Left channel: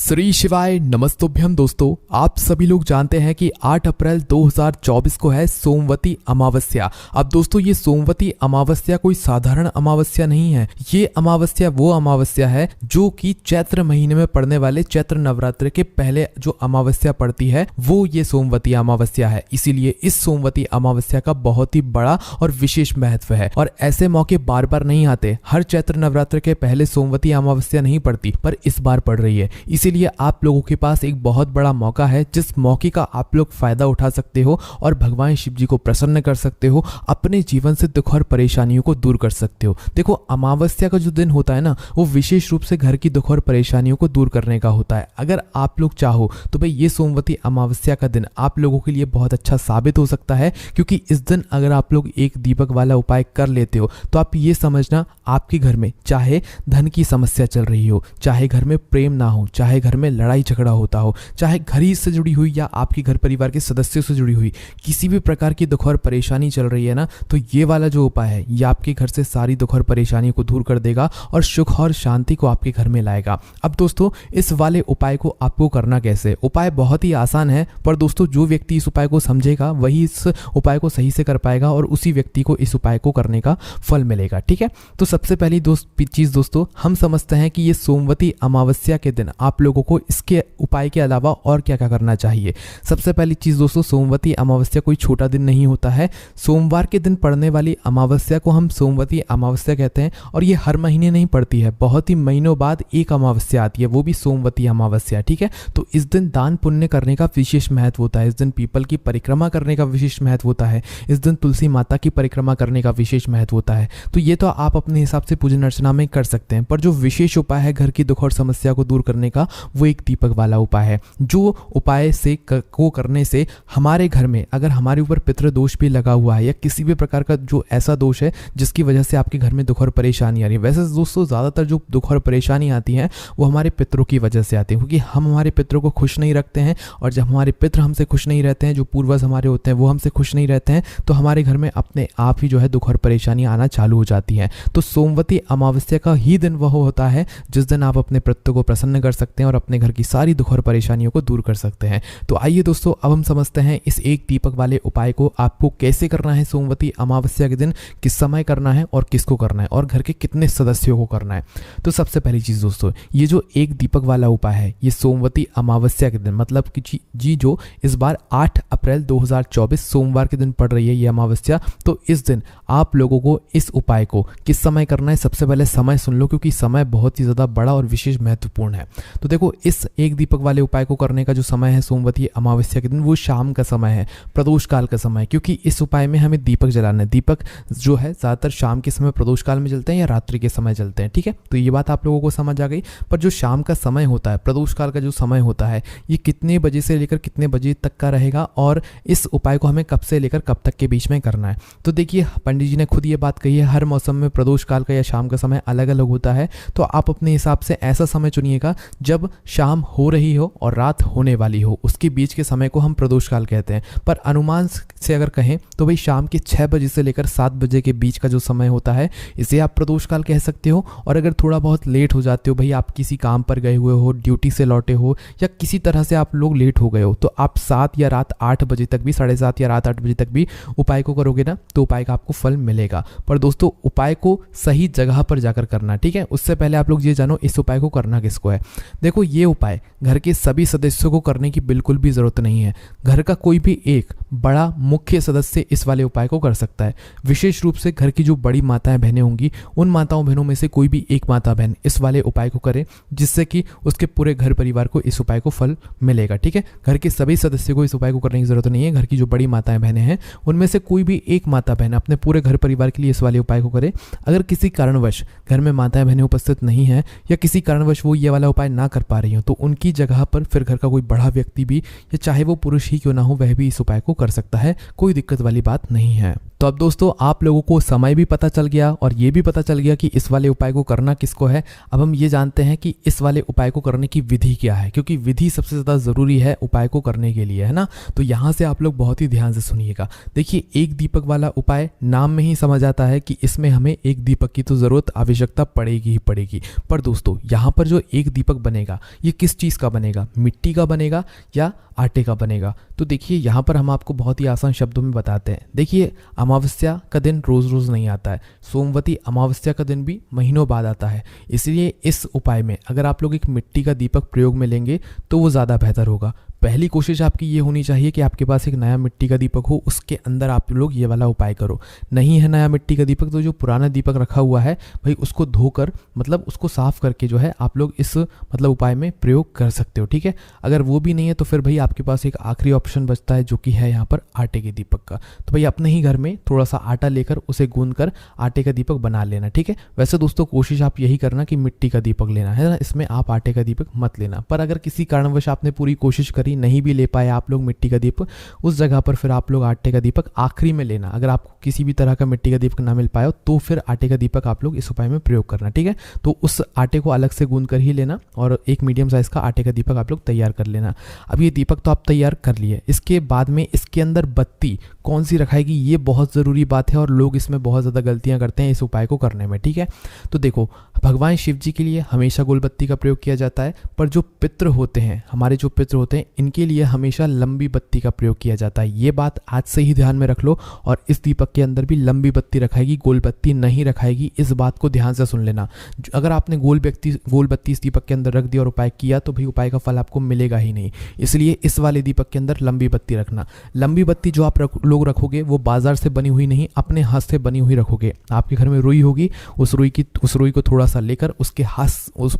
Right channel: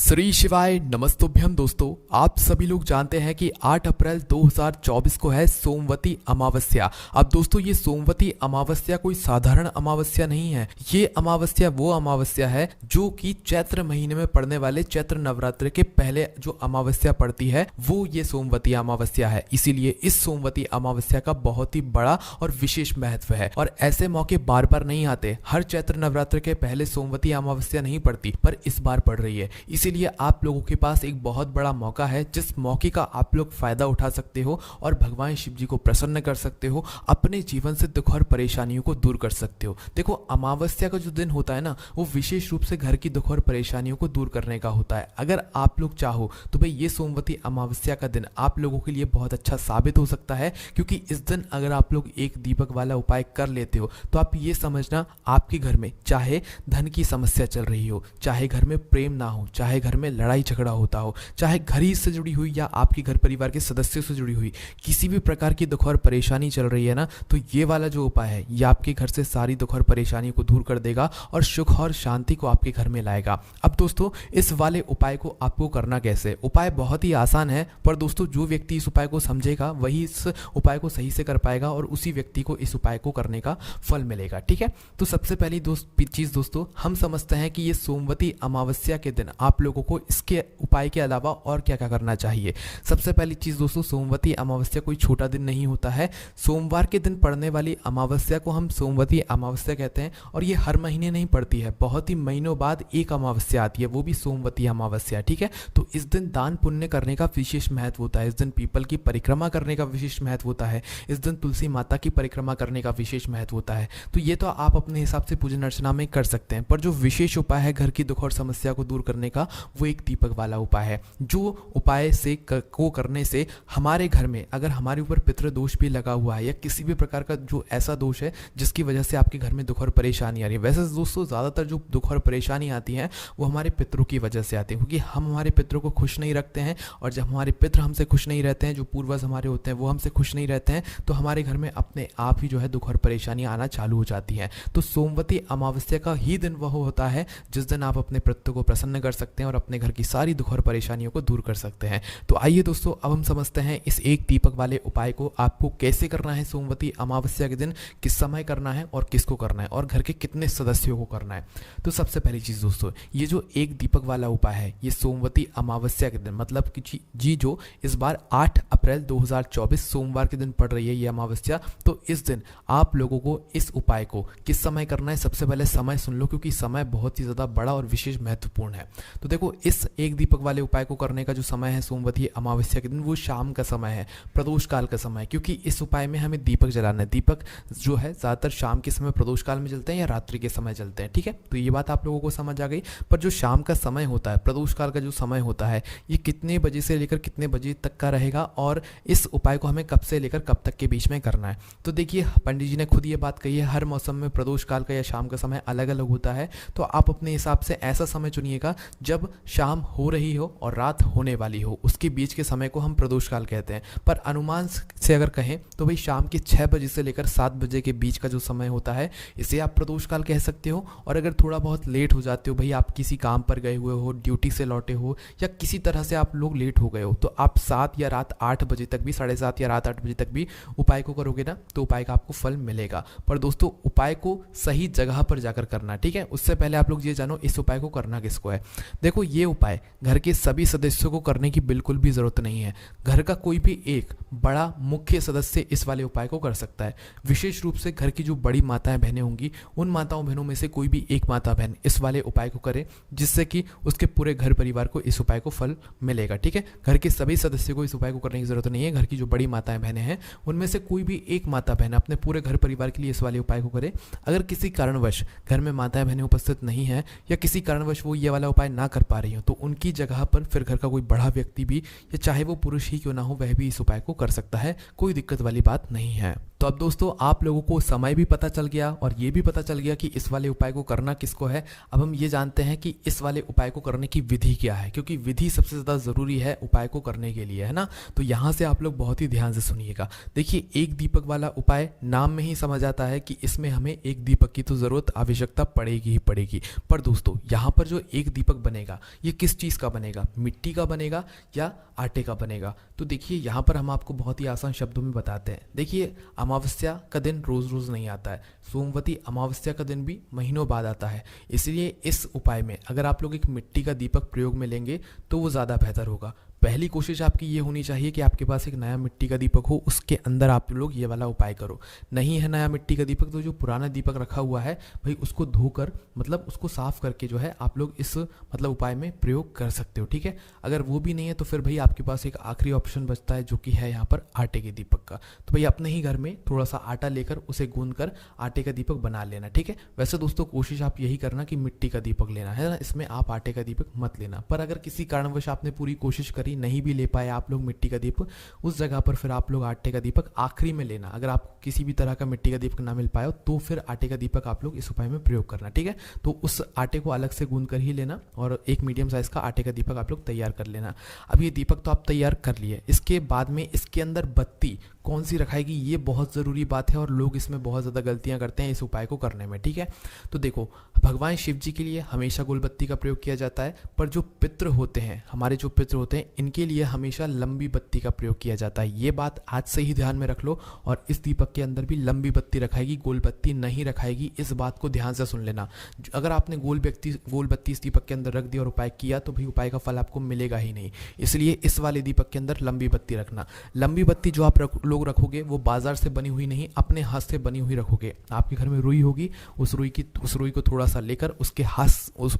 श्री शिवाय नमस्तुभ्यम दोस्तों, आप सभी लोग जानते हैं कि 8 अप्रैल 2024 को है सोमवती अमावस्या। अब दोस्तों ये सोमवती अमावस्या कोई साधारण अमावस्या नहीं है। ये अमावस्या वो अमावस्या है जो कि चैत्र महीने में पड़ने वाले चैत्र नवरात्र के पहले जो अमावस्या पड़ती है वो ये सोमवती अमावस्या है। इसीलिए इस सोमवती अमावस्या का बहुत ही बड़ा और विशेष महत्व है और ऐसे मौके बार बार नहीं आते। हर चैत्र नवरात्र के पहले सोमवती अमावस्या नहीं पड़ती, पर इस बार पड़ रही है। इसीलिए आप लोगों के पास एक बहुत बड़ा मौका है जिस मौके का आप लोग फायदा उठा सकते हो और भगवान शिव जी को प्रसन्न कर सकते हो, अपने जीवन से दुख और परेशानियों को दूर कर सकते हो। देखो, अमावस्या का जो दिन होता है ना, वो विशेष रूप से घर की दुख और परेशानियों को दूर करने का होता है। अगर आप लोग चाहो तो भाई ये सोमवती अमावस्या का दिन आप लोगों के लिए बहुत अच्छा साबित हो सकता है, क्योंकि इस दिन अगर आप लोग एक दीपक वाला उपाय कर लेते हो तो आप ये समझना, आपके घर में चाहे धन की समस्या चल रही हो, चाहे घर में प्रेम ना हो, चाहे घर में लड़ाई झगड़ा होता हो, चाहे घर ही से जुड़ी हुई या आपके घर परिवार के सदस्यों से जुड़ी हुई किसी भी प्रकार की दुख और परेशानी चल रही है ना, तो ये वाला जो उपाय है ये आपके घर से सारी दुख और परेशानी को दूर कर देगा और सुख और शांति को आपके घर में लाएगा। अब दोस्तों, इस वाले उपाय को आपको करना कैसे? उपाय बहुत ही आसान है, पर दोस्तों जो व्यक्ति इस उपाय को समझेगा वही इस उपाय को सही से कर पाएगा और उसी व्यक्ति को इस उपाय को करने का फल मिलेगा। ठीक है, तो सबसे पहली चीज दोस्तों, हम समझते हैं कि ये सोमवती अमावस्या के दिन आप लोगों को इसके उपाय के अलावा और क्या क्या करना चाहिए। सबसे पहली चीज दोस्तों, सोमवती अमावस्या कोई छोटा दिन नहीं होता है। सोमवार के दिन पड़ने वाली अमावस्या को हम सोमवती अमावस्या कहते हैं और ये हर महीने नहीं पड़ती है, बहुत ही महीनों बाद एक अमावस्या आती है, वो भी सोमवती अमावस्या। ठीक है, तो इस दिन दान पुण्य करने का विशेष महत्व होता है। इस दिन पीपल की परिक्रमा करने का विशेष महत्व होता है। इस दिन तुलसी माता की परिक्रमा करने का विशेष महत्व होता है। तो ये तो आप अपने हिसाब से पूजन अर्चना में कर सकते हैं, पर जो विशेष उपाय है घर की दुख और समस्या को दूर करने का, वो एक दीपक वाला उपाय है। जो उपाय से को करने से हमारे घर में अगर हमारे ऊपर पितृ दोष भी लगा हुआ है या किसी भी प्रकार का जो ऐसा दोष है जिसकी वजह से आपके घर में दुख और परेशानी आ रही है, वैसे दोस्तों ज़्यादातर जो दुख और परेशानी आती है वो हमारे पितरों की वजह से आती है, क्योंकि हम हमारे पितरों को खुश नहीं रखते हैं और जब हमारे पितर हमसे खुश नहीं रहते हैं, जो पूर्वज हमारे होते हैं वो हमसे खुश नहीं रहते हैं, तो हमारे घर में अपने आप ही जो है दुख और परेशानी आना चालू हो जाती है। तो सोमवती अमावस्या का ही दिन वह होता है जिस दिन आप अपने पितरों को प्रसन्न कर सकते हैं और अपने घर की सारी दुख और परेशानियों को दूर कर सकते हैं। तो आइए दोस्तों, अब हम समझते हैं इस एक दीपक वाले उपाय को आपको कैसे करना है सोमवती अमावस्या के दिन, किस समय करना है और किसको करना है और घर के कितने सदस्यों को करना है। तो सबसे पहली चीज दोस्तों, ये जो एक दीपक वाला उपाय है ये सोमवती अमावस्या के दिन, मतलब कि जी जो इस बार 8 अप्रैल 2024 सोमवार के दिन पड़ रही है ये अमावस्या, तो इस दिन आप लोगों को इस उपाय को किस समय करना है। सबसे पहले समय सुन लो, क्योंकि समय बहुत ही ज्यादा बड़ा और विशेष महत्वपूर्ण है। तो देखो, इस एक दीपक वाले उपाय को करने का जो समय है सोमवती अमावस्या के दिन, वो शाम का समय है, प्रदोष काल का समय है, क्योंकि इस उपाय में हमें दीपक जलाना है। दीपक जो है ज्यादातर शाम के समय प्रदोष काल में जलते हैं या रात्रि के समय जलते हैं। ठीक है, तो ये बात आप लोगों को समझ आ गई। पर जो शाम का समय होता है, प्रदोष काल का जो समय होता है, ये कितने बजे से लेकर कितने बजे तक का रहेगा और इस उपाय को हमें कब से लेकर कब तक के बीच में करना है। तो देखिए, पंडित जी ने खुद ये बात कही है, हर मौसम में प्रदोष काल का या शाम का समय अलग अलग होता है। तो आप अपने हिसाब से ऐसा समय चुनिएगा जब शाम हो रही हो और रात होने वाली हो, उसके बीच के समय को हम प्रदोष काल कहते हैं। पर अनुमान से अगर कहें तो भाई शाम के 6 बजे से लेकर 7 बजे के बीच का जो समय होता है, इसे आप प्रदोष काल कह सकते हो। और अगर थोड़ा बहुत लेट हो जाते हो, भाई आप किसी काम पर गए हुए हो, ड्यूटी से लौटे हो या किसी तरह से आप लोग लेट हो गए हो, तो आप 7 या रात 8 बजे तक भी, 7:30 या रात 8 बजे तक भी उपाय को करोगे ना, तो उपाय का आपको फल मिलेगा। पर दोस्तों, उपाय को सही जगह पर जाकर करना। ठीक है, उससे पहले आप लोग ये जानो इस उपाय को करना किसको है। देखो, ये उपाय घर के सभी सदस्यों को करने की बिल्कुल भी जरूरत नहीं है। घर का कोई भी एक बड़ा मुख्य सदस्य इस वाले उपाय को कर सकता है। विशेष रूप से घर की जो बड़ी माताएं बहनें होंगी, उन माताओं बहनों में से कोई भी एक माता बहन इस वाले उपाय को करे, जिससे कि उसके पूरे घर परिवार को इस उपाय को फल मिलेगा। ठीक है, घर के सभी सदस्यों को इस उपाय को करने की जरूरत नहीं है। घर की जो बड़ी माताएं बहनें हैं, उनमें से कोई भी एक माता बहन अपने पूरे घर परिवार के लिए इस वाले उपाय को करे। अगर किसी कारणवश घर में माताएं बहनें उपस्थित नहीं है या किसी कारणवश वो ये वाला उपाय ना कर पा रही हो, तो उनकी जगह पर फिर घर का कोई बड़ा व्यक्ति भी, या चाहे वो पुरुष ही क्यों ना हो, वह भी इस उपाय को कर सकता है। कोई दिक्कत वाली बात नहीं है। तो अब दोस्तों आप लोगों को समय भी पता चल गया और ये भी पता चल गया कि इस वाले उपाय को करना किसको है। अब हम ये जानते हैं कि इस वाले उपाय को करने की विधि क्या है, क्योंकि विधि सबसे ज़्यादा ज़रूरी है उपाय को करने के लिए, है ना। तो यहाँ से आप लोग बहुत ही ध्यान से सुनिएगा। देखिए, एक दीपक वाला उपाय नाम में ही समझ आता है कि इसमें हमें एक दीपक की तो ज़रूरत आवश्यकता पड़ेगी ही पड़ेगी। पर दोस्तों यहाँ पर जो एक दीपक बनेगा ये किस चीज़ का बनेगा, मिट्टी का बनेगा या आटे का बनेगा। तो देखिए यहाँ पर हम आपको बहुत ही आसान शब्दों में बताते हैं। देखिए, अमावस्या का दिन रोज़ रोज़ नहीं आता है, सोमवती अमावस्या का दिन भी महीनों बाद आता है। इसलिए इस उपाय में अगर आप लोग एक मिट्टी का दीपक प्रयोग में लेंगे तो वो ज़्यादा बेहतर होगा। पहली कोशिश आपकी ये होनी चाहिए कि आपके पास एक नया मिट्टी का दीपक हो, उसके अंदर आप लोग ये वाला उपाय करो। नहीं है नया मिट्टी का दीपक तो जो पुराना दीपक रखा हुआ है भाई उसको धोकर, मतलब उसको साफ़ करके जो है आप लोग इस मतलब उपाय में प्रयोग कर सकते हो, ठीक है। अगर वो भी नहीं है तो फिर भाई आपके पास एक आखिरी ऑप्शन बचता है जो कि है यहाँ पर आटे के दीपक का। तो भाई अपने ही घर में थोड़ा सा आटा लेकर उसे गूंद कर आटे का दीपक बना लेना, ठीक है। वैसे दोस्तों कोशिश आप यही करना कि मिट्टी का दीपक लेना है ना, इसमें आप आटे का दीपक मत लेना। पर अगर किसी कारणवश आपने पूरी कोशिश करी, नहीं भी ले पाए आप लोग मिट्टी का दीपक, उस जगह पर फिर आप लोग आटे का दीपक आखिरी में लेना। अगर आपको किसी भी तरह का मिट्टी का दीपक ना मिल पाए तो फिर आटे का दीपक आप लोग इस उपाय में प्रयोग करना, ठीक है। तो उस आटे को अलग से गूंद कर ही लेना और एक मीडियम साइज का आटे का दीपक आप लोग तैयार कर लेना। अब ये दीपक तो आप तैयार कर लिए, इसके बाद में इसके अंदर बत्ती कौन सी रखाएगी ये बहुत ज़रूरी बात है और लोग इसमें बहुत ज़्यादा गलतियां करते हैं इस उपाय को करने में, ठीक है। तो देखो, भगवान शिव जी के लिए हमेशा गोल बत्ती का प्रयोग किया जाता है, पर जो पितृ होते हैं, हमारे जो पितृ होते हैं, इनके लिए हमेशा लंबी बत्ती का प्रयोग किया जाता है। ये बात आज से ही ध्यान में रख लो। और इस दीपक के अंदर भी लंबी बत्ती रखाएगी, गोल बत्ती नहीं रखाएगी। इस बात को ध्यान से सुन लेना। अगर आपने गोल बत्ती इस दीपक के अंदर रख दिया और उपाय किया तो भाई उपाय का फल आपको मिलेगा ही नहीं। इसलिए इस वाले दीपक के अंदर लंबी बत्ती रखना। लंबी बत्ती जो आप लोग रखोगे वो बाजार से बनी हुई नहीं, अपने हाथ से बनी हुई रखोगे। आपके घर में रुई होगी, उस रुई को थोड़ा सा लेकर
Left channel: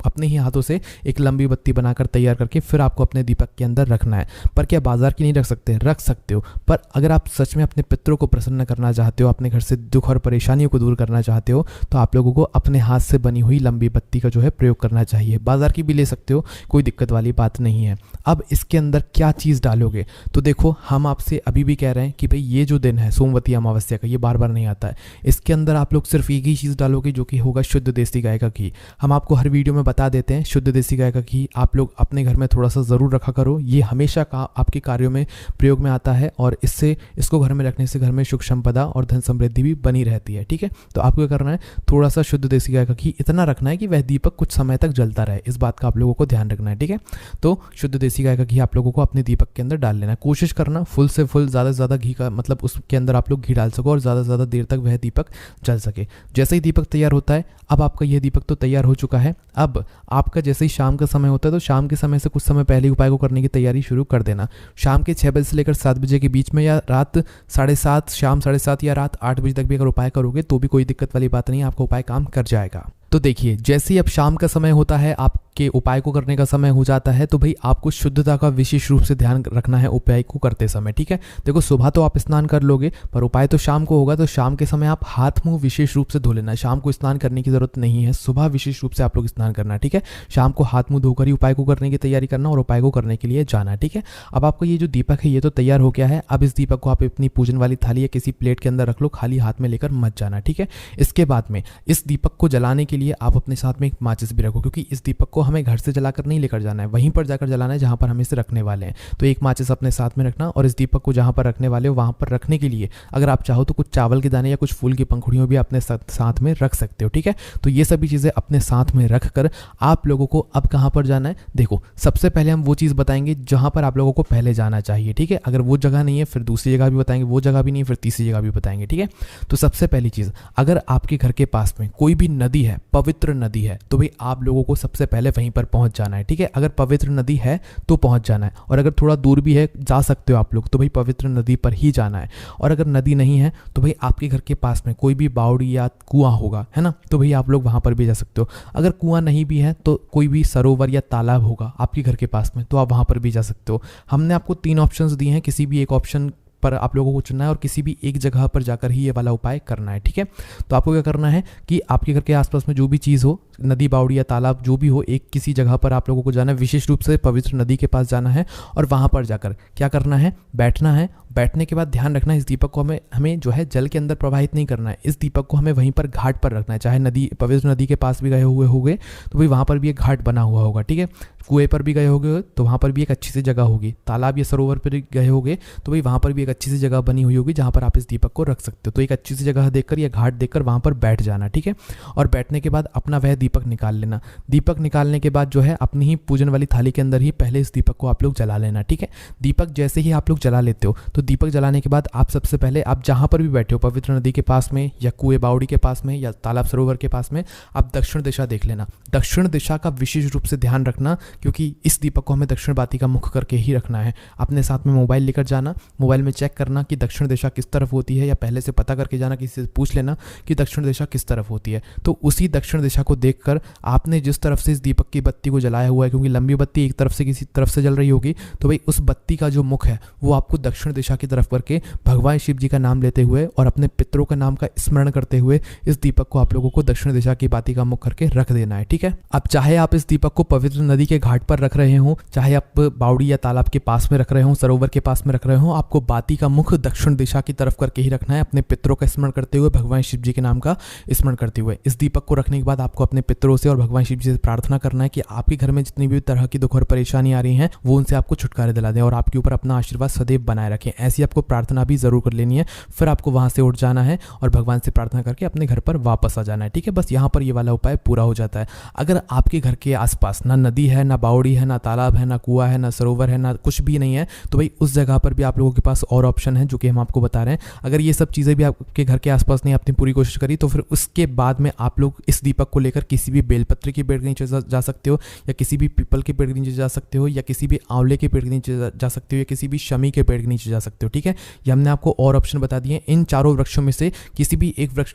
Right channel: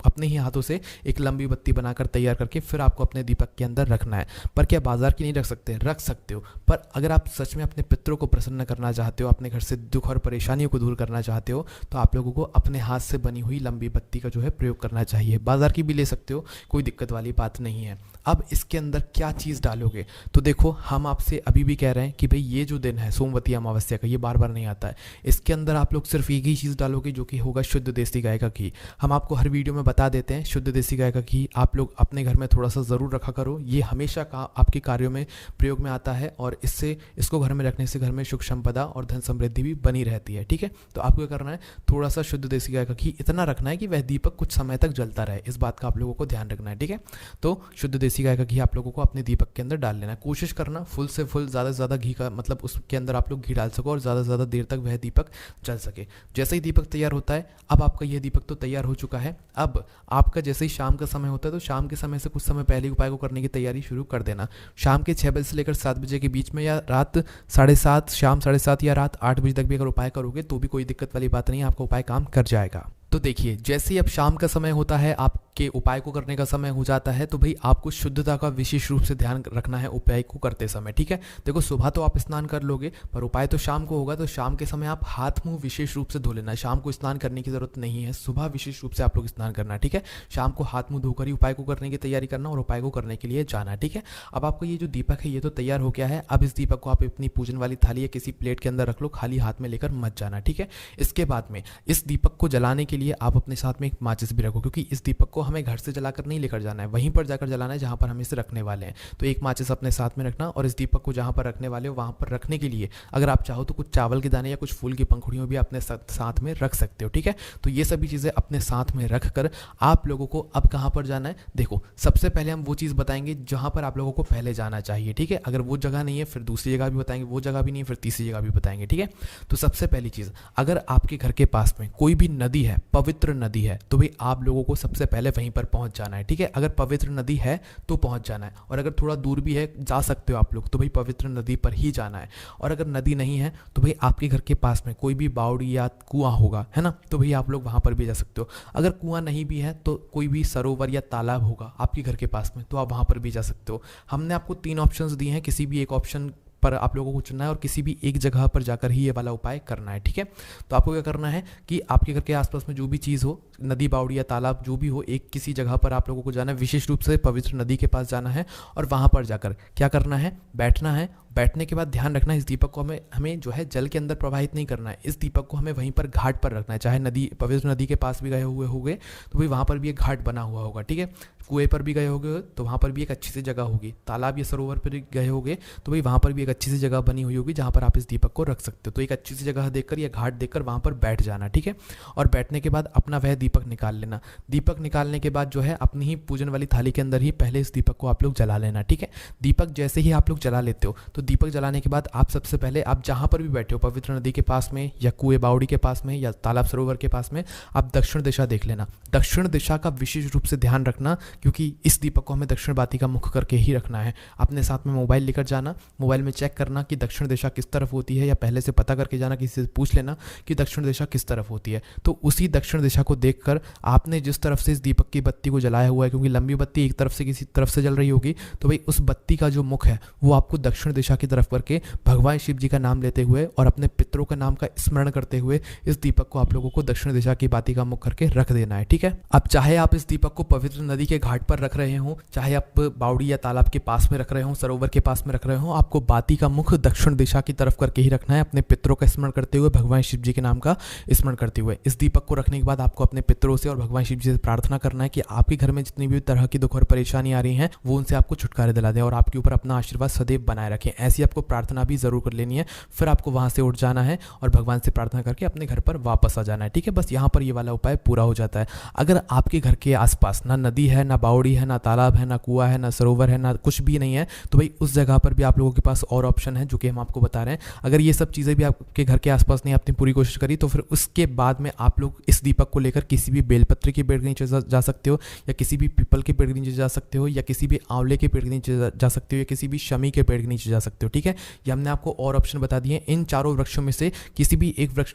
अपने ही हाथों से एक लंबी बत्ती बनाकर तैयार करके फिर आपको अपने दीपक के अंदर रखना है। पर क्या बाजार की नहीं रख सकते? रख सकते हो। पर अगर आप सच में अपने पितरों को प्रसन्न करना चाहते हो, अपने घर से दुख और परेशानियों को दूर करना चाहते हो, तो आप लोगों को अपने हाथ से बनी हुई लंबी बत्ती का जो है प्रयोग करना चाहिए। बाजार की भी ले सकते हो, कोई दिक्कत वाली बात नहीं है। अब इसके अंदर क्या चीज़ डालोगे? तो देखो, हम आपसे अभी भी कह रहे हैं कि भाई ये जो दिन है सोमवती अमावस्या का, ये बार बार नहीं आता है। इसके अंदर आप लोग सिर्फ एक ही चीज़ डालोगे जो कि होगा शुद्ध देसी गाय का घी। हम आपको हर वीडियो में बता देते हैं, शुद्ध देसी गाय का घी आप लोग अपने घर में थोड़ा सा ज़रूर रखा करो। ये हमेशा आपके कार्यों में प्रयोग में आता है और इसको घर में रखने से घर में सुख संपदा और धन समृद्धि भी बनी रहती है, ठीक है। तो आपको क्या करना है, थोड़ा सा शुद्ध देसी गाय का घी इतना रखना है कि वह दीपक कुछ समय तक जलता रहे। इस बात का आप लोगों को ध्यान रखना है, ठीक है। तो शुद्ध देसी गाय का घी आप लोगों को अपने दीपक के अंदर डाल लेना। कोशिश करना फुल से फुल, ज़्यादा से ज़्यादा घी का मतलब उसके अंदर आप लोग घी डाल सको और ज़्यादा से ज़्यादा देर तक वह दीपक जल सके। जैसे ही दीपक तैयार होता है, अब आपका यह दीपक तो तैयार हो चुका है। अब आपका जैसे ही शाम का समय होता है तो शाम के समय से कुछ समय पहले उपाय को करने की तैयारी शुरू कर देना। शाम के 6 बजे से लेकर 7 बजे के बीच में, या रात 7:30, शाम 7:30 या रात 8 बजे तक भी अगर उपाय करोगे तो भी कोई दिक्कत वाली बात नहीं है, आपका उपाय काम कर जाएगा। तो देखिए, जैसे ही अब शाम का समय होता है, आपके उपाय को करने का समय हो जाता है, तो भाई आपको शुद्धता का विशेष रूप से ध्यान रखना है उपाय को करते समय, ठीक है। देखो, सुबह तो आप स्नान कर लोगे पर उपाय तो शाम को होगा, तो शाम के समय आप हाथ मुंह विशेष रूप से धो लेना। शाम को स्नान करने की जरूरत नहीं है, सुबह विशेष रूप से आप लोग स्नान करना, ठीक है। शाम को हाथ मुंह धोकर ही उपाय को करने की तैयारी करना और उपाय को करने के लिए जाना, ठीक है। अब आपका ये जो दीपक है ये तो तैयार हो गया है। अब इस दीपक को आप अपनी पूजन वाली थाली या किसी प्लेट के अंदर रख लो, खाली हाथ में लेकर मत जाना, ठीक है। इसके बाद में इस दीपक को जलाने के लिए आप अपने साथ में एक माचिस भी रखो, क्योंकि इस दीपक को हमें घर से जलाकर नहीं लेकर जाना है, वहीं पर जाकर जलाना है जहां पर हम इसे रखने वाले हैं। तो एक माचिस अपने साथ में रखना और इस दीपक को जहां पर रखने वाले हो वहां पर रखने के लिए अगर आप चाहो तो कुछ चावल के दाने या कुछ फूल की पंखुड़ियों भी अपने साथ में रख सकते हो, ठीक है। तो ये सभी चीज़ें अपने साथ में रख कर आप लोगों को अब कहाँ पर जाना है, देखो सबसे पहले हम वो चीज़ बताएंगे जहाँ पर आप लोगों को पहले जाना चाहिए, ठीक है। अगर वो जगह नहीं है फिर दूसरी जगह भी बताएंगे, वो जगह भी नहीं है फिर तीसरी जगह भी बताएंगे, ठीक है। तो सबसे पहली चीज़, अगर आपके घर के पास में कोई भी नदी है, पवित्र नदी है, तो भाई आप लोगों को सबसे पहले वहीं पर पहुंच जाना है, ठीक है। अगर पवित्र नदी है तो पहुंच जाना है, और अगर थोड़ा दूर भी है जा सकते हो आप लोग, तो भाई पवित्र नदी पर ही जाना है। और अगर नदी नहीं है तो भाई आपके घर के पास में कोई भी बावड़ी या कुआं होगा, है ना, तो भाई आप लोग वहां पर भी जा सकते हो। अगर कुआं नहीं भी है तो कोई भी सरोवर या तालाब होगा आपके घर के पास में, तो आप वहां पर भी जा सकते हो। हमने आपको 3 ऑप्शंस दिए हैं, किसी भी एक ऑप्शन पर आप लोगों को चुनना है और किसी भी एक जगह पर जाकर ही ये वाला उपाय करना है, ठीक है। तो आपको क्या करना है कि आपके घर के आसपास में जो भी चीज़ हो, नदी, बावड़ी या तालाब जो भी हो, एक किसी जगह पर आप लोगों को जाना है, विशेष रूप से पवित्र नदी के पास जाना है और वहाँ पर जाकर क्या करना है, बैठना है। बैठने के बाद ध्यान रखना है इस दीपक को हमें जो है जल के अंदर प्रवाहित नहीं करना है। इस दीपक को हमें वहीं पर घाट पर रखना है, चाहे नदी, पवित्र नदी के पास भी गए हुए होंगे तो भाई वहाँ पर भी एक घाट बना हुआ होगा, ठीक है। कुएं पर भी गए होंगे तो वहाँ पर भी एक अच्छी सी जगह होगी। तालाब या सरोवर पर गए होंगे तो भाई वहाँ पर भी एक अच्छी सी जगह बनी हुई होगी जहाँ पर आप इस दीपक को रख सकते हो। तो एक अच्छी सी जगह देखकर या घाट देखकर वहाँ पर बैठ जाना, ठीक है। और बैठने के बाद अपना वह दीपक निकाल लेना। दीपक निकालने के बाद जो है अपनी ही पूजन वाली थाली के अंदर ही पहले इस दीपक को आप लोग जला लेना, ठीक है। दीपक जैसे ही आप लोग जला लेते हो तो दीपक जलाने के बाद आप सबसे पहले आप जहाँ पर भी बैठे हो, पवित्र नदी के पास में या कुएं बावड़ी के पास में या तालाब सरोवर के पास में, आप दक्षिण दिशा देख लेना। दक्षिण दिशा का विशेष रूप से ध्यान रखना क्योंकि इस दीपक को हमें दक्षिण बाती का मुख करके ही रखना है। अपने साथ में मोबाइल लेकर जाना, मोबाइल में चेक करना कि दक्षिण दिशा किस तरफ होती है, या पहले से पता करके जाना, किसी से पूछ लेना कि दक्षिण दिशा किस तरफ होती है। तो उसी दक्षिण दिशा को देखकर आपने जिस तरफ से इस दीपक की बत्ती को जलाया हुआ है, क्योंकि लंबी बत्ती एक तरफ से किसी तरफ से जल रही होगी, तो भाई उस बत्ती का जो मुख है वो आपको दक्षिण दिशा की तरफ करके भगवान शिव जी का नाम लेते हुए और अपने पितरों का नाम का स्मरण करते हुए इस दीपक को आप लोगों को दक्षिण दिशा की बाती का मुख करके रख देना है, ठीक है। अब चाहे आप इस दीपक को पवित्र नदी के घाट पर रख रहे हो, चाहे आप बावड़ी या तालाब के पास में रख रहे हो, सरोवर के पास में रख रहे हो, आपको बाती का मुख दक्षिण दिशा की तरफ करके ही रखना है, अपने पितरों का स्मरण करते हुए, भगवान शिव जी के नाम का स्मरण करते हुए। इस दीपक को रखने के बाद आपको अपने पितरों से और भगवान शिव जी से प्रार्थना करना है कि आपके घर में जितनी भी तरह की दुख और परेशानी आ रही है वो उनसे आपको छुटकारे दिला दें और आपके ऊपर अपना आशीर्वाद सदैव बनाए रखें। ऐसी आपको प्रार्थना भी जरूर कर लेनी है। फिर आपको वहां से उठ जाना है और भगवान से प्रार्थना करके अपने घर पर वापस आ जाना है, ठीक है। बस यहाँ पर ये वाला उपाय पूरा हो जाता है। अगर आपके घर के आसपास ना नदी है, ना बावड़ी है, ना तालाब है, ना कुआं है, ना सरोवर है, ना कुछ भी नहीं है, तो भाई उस जगह पर भी आप लोगों के पास और ऑप्शन है जो कि हम आपको बता रहे हैं। अगर ये सब चीज़ें भी आपके घर के आसपास नहीं, आपने पूरी कोशिश करी, तो फिर उसके बाद में आप लोग इस दीपक को लेकर किसी भी बेलपत्र के पेड़ के नीचे जा सकते हो, या किसी भी पीपल के पेड़ के नीचे जा सकते हो, या किसी भी आंवले के पेड़ के नीचे जा सकते हो, या किसी भी शमी के पेड़ के नीचे जा सकते हो, ठीक है। ये हमने आपको और ऑप्शन बता दिए। इन चारों वृक्षों में से किसी भी एक वृक्ष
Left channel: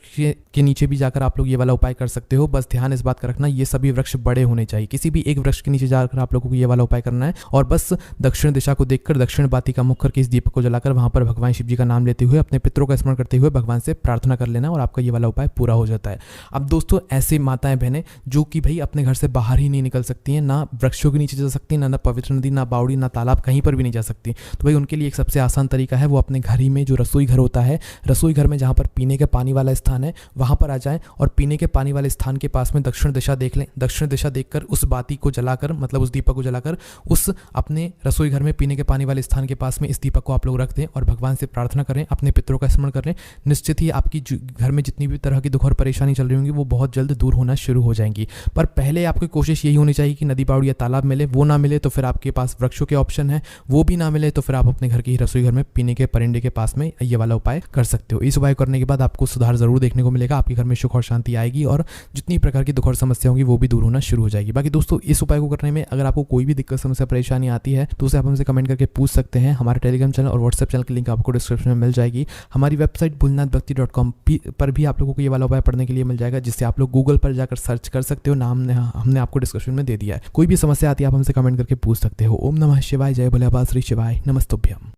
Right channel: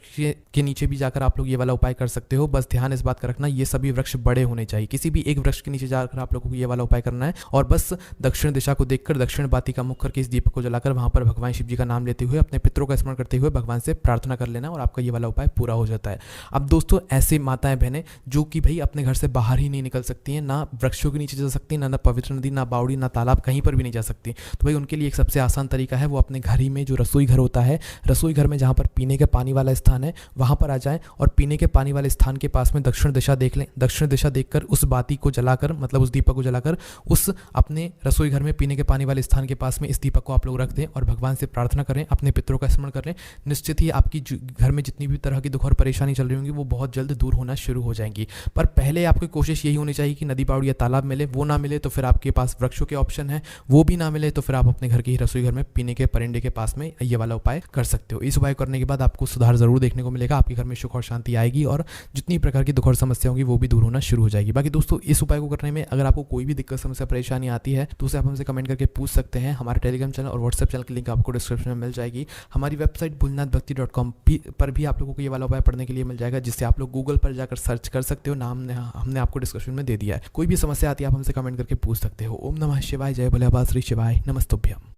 के नीचे भी जाकर आप लोग ये वाला उपाय कर सकते हो। बस ध्यान इस बात का रखना, ये सभी वृक्ष बड़े होने चाहिए। किसी भी एक वृक्ष के नीचे जाकर आप लोगों को ये वाला उपाय करना है और बस दक्षिण दिशा को देखकर दक्षिण बाती का मुख करके इस दीपक को जलाकर वहां पर भगवान शिव जी का नाम लेते हुए अपने पितरों का स्मरण करते हुए भगवान से प्रार्थना कर लेना और आपका ये वाला उपाय पूरा हो जाता है। अब दोस्तों, ऐसे माताएं बहनें जो कि भाई अपने घर से बाहर ही नहीं निकल सकती हैं, ना वृक्षों के नीचे जा सकती, ना पवित्र नदी, ना बावड़ी, ना तालाब, कहीं पर भी नहीं जा सकती, तो भाई उनके लिए एक सबसे आसान तरीका है, वो अपने घर ही में जो रसोई घर होता है, रसोई घर में जहाँ पर पीने के पानी वाला स्थान है वहाँ पर आ जाएं और पीने के पानी वाले स्थान के पास में दक्षिण दिशा देख लें। दक्षिण दिशा देखकर उस बाती को जलाकर, मतलब उस दीपक को जलाकर उस अपने रसोई घर में पीने के पानी वाले स्थान के पास में इस दीपक को आप लोग रख दें और भगवान से प्रार्थना करें, अपने पितरों का स्मरण करें। निश्चित ही आपकी घर में जितनी भी तरह की दुख और परेशानी चल रही होंगी वो बहुत जल्द दूर होना शुरू हो जाएंगी। पर पहले आपकी कोशिश यही होनी चाहिए कि नदी, बावड़ी या तालाब मिले, वो ना मिले तो फिर आपके पास वृक्षों के ऑप्शन है, वो भी ना मिले तो फिर आप अपने घर की रसोई घर में पीने के परिंदे के पास में ये वाला उपाय कर सकते हो। इस उपाय करने के बाद आपको सुधार जरूर देखने को मिलेगा, आपके घर में सुख और शांति आएगी और जितनी प्रकार की दुख और समस्या होंगी वो भी दूर होना शुरू हो जाएगी। बाकी दोस्तों, इस उपाय को करने में अगर आपको कोई भी दिक्कत, समस्या, परेशानी आती है तो उसे आप हमसे कमेंट करके पूछ सकते हैं। हमारे टेलीग्राम चैनल और व्हाट्सएप चैनल की लिंक आपको डिस्क्रिप्शन में मिल जाएगी। हमारी वेबसाइट भोलेनाथभक्ति.com पर भी आप लोगों को ये वाला उपाय पढ़ने के लिए मिल जाएगा, जिससे आप लोग गूगल पर जाकर सर्च कर सकते हो। नाम हमने आपको डिस्क्रिप्शन में दे दिया है। कोई भी समस्या आती है आप हमसे कमेंट करके पूछ सकते हो। ओम नमः शिवाय, जय भोले बाबा, श्री शिवाय, नमस्तुभ्यम।